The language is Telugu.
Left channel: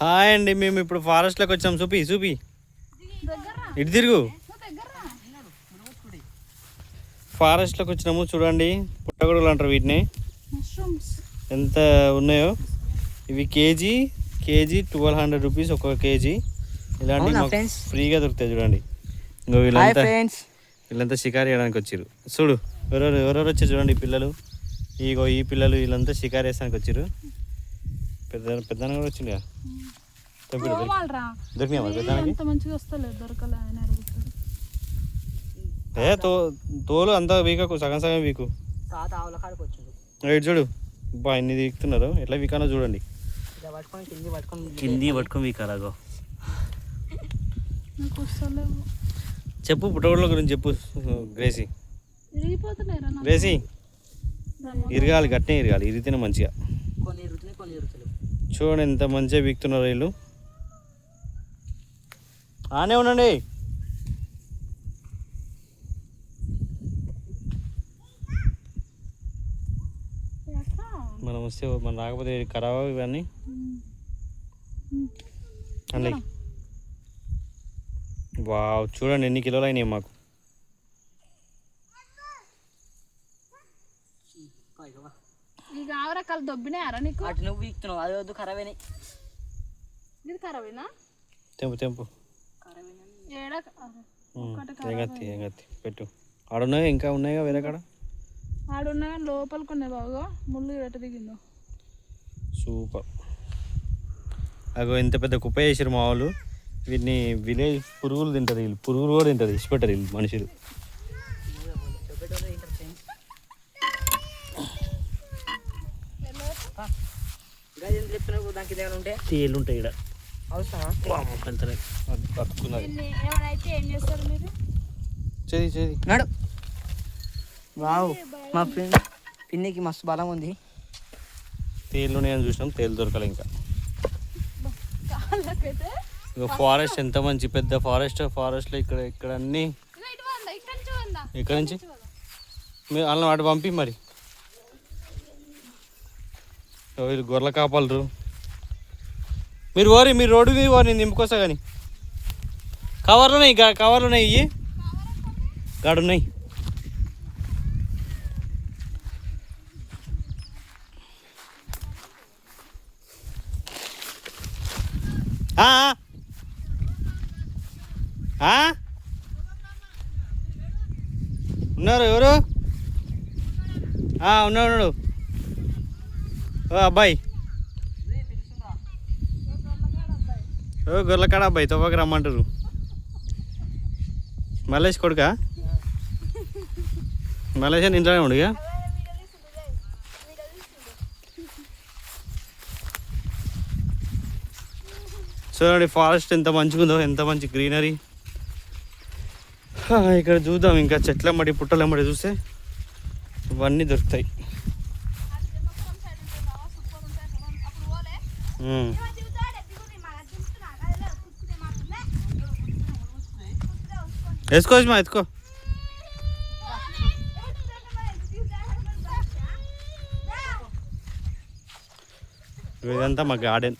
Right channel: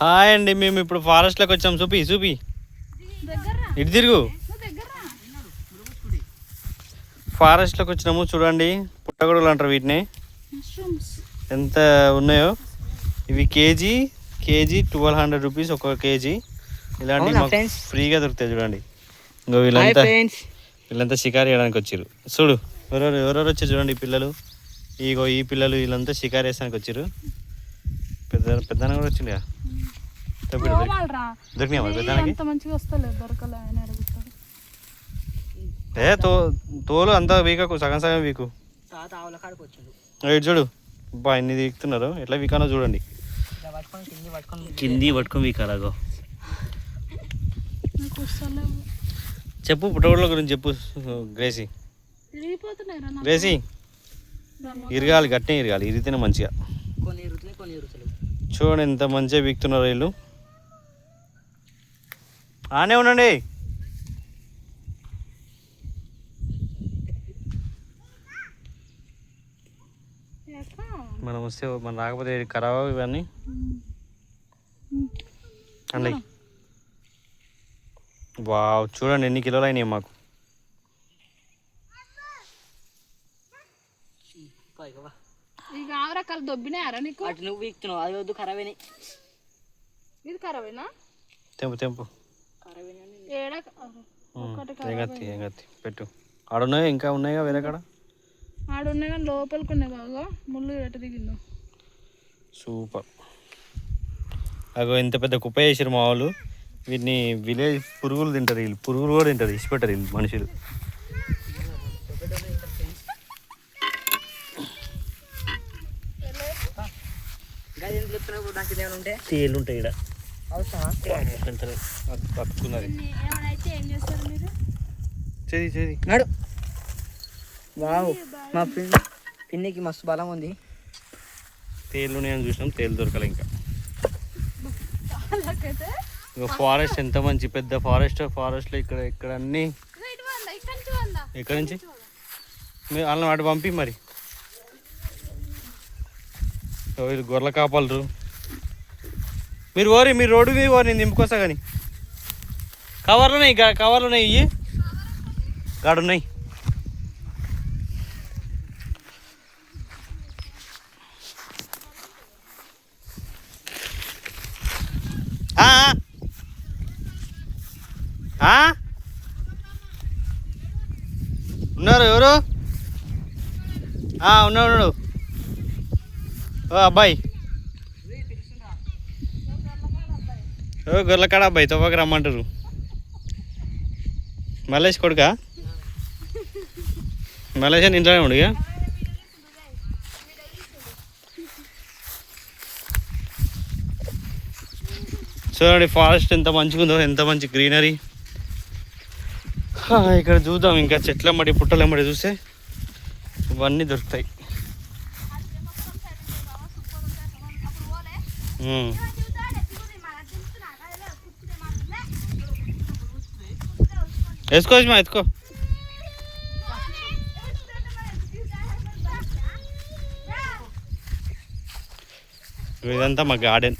హాయ్ అండి, మేము ఇప్పుడు ఫారెస్ట్లోకి వచ్చాం. చూపి ఇటు తిరుగు. ఫారెస్ట్లోకి వచ్చినాము. చూడండి, పుట్టగొడుగులు అంటారు వీటిని. ఎంత ఉన్నాయో ఇవి. కేజీ 1200 రూపీస్ ఒక కేజీ. ఇలాంటి మాకు ఫ్రీగా దొరుకుతాయి. చూడండి, ఇంకో వీళ్ళంతా షికారు చేయడానికి వచ్చారు. చూడు ఎవరెవరు వచ్చారు చూడండి. ఈ పిల్లలు, ఇగో ఈ పిల్లలు, వీళ్ళంతా షికారు వేసానికి వచ్చారు. పెద్ద కూడా వచ్చింది కదా. దొరికినా పెద్దానికి తోలు అంతా వీకకు, సగం సగం వీకు. ఇటు చూడు బా, ఎన్ని వీకుతున్నారు. ఎట్లా వీకానో చూడండి. కింది పట్టుకొని వీకాలాగో. చెప్పు పుట్టగొడుగుల గురించి చెప్పు గ్రేసీ. ఇరగాలి, గట్టినే ఇరగాలి. ఇరిగితేనే మంచిగా. చూడండి ఎంత మంచిగా వీక్తున్నారు వీళ్ళు. ఆనే ఉండండి. మనం వస్తే మనం రాకపోతే ఖరాబ్ ఇవన్నీ అండి. వావ్, చూడండి ఎన్ని కిలోలు అయినాయి మాకు. తెంపు పెట్టు. ఆడున్నాయి, ఇంకా ఉన్నాయిగా వేరే కాడ. ఆడున్నాయి కానీ లోపలికి ఉన్నాయి. బాగా ముళ్ళు ఎట దిగిందో. సూపర్. అగో ఎంత పెద్ద కుప్ప చేసారు మా వాళ్ళు. వీటిని విలేజ్ పురుగులు తింటారు. వీళ్ళు పురుగులు కూడా తింటారు, ఇచ్చిపెట్టారు వీళ్ళు మనుషులు. తేలు ఉంటాయి ఇక్కడ. మా ఫ్రెండ్ పిన్నికి మస్తు బలం ఉంది. తేలు నేను చూసినాం, తేలు దొరకాలి ఇంకా. ఫారెస్ట్ ఎంత మంచి పెద్ద ఫారెస్ట్లో ఇక్కడ అన్నీ. ఇక్కడ నుంచి మీరు అలా వాటి పంపి మరి. ఇది గొర్రెల కాపలరు. మీరు రోడ్డు మీద నేను నింపుకొస్తా. కానీ కవర్లు ఉన్నాయి ఇవి గాడున్నాయి. ఉన్నారు ఎవరు? ఉన్నాడు. ఓ అబ్బాయి, గొర్రెలకాడ అబ్బాయి తవ్వక రమ్మంటారు. మల్లేష్ కొడుకా? మల్లేష్ అని ఇంట్లోనే ఉండు. ఇక చూడండి ఫారెస్ట్ ఎంత మంచిగా ఉందో, ఎంత మంచి గ్రీనరీ. ఇక్కడ చూద్దాం, ఇంకా చెట్లమ్మడి పుట్టలమ్మడి చూస్తే ఇవన్నీ దొరుకుతాయి. వేసుకోవచ్చు మా ఎత్తుకో. ఇదంతా మా గార్డెన్.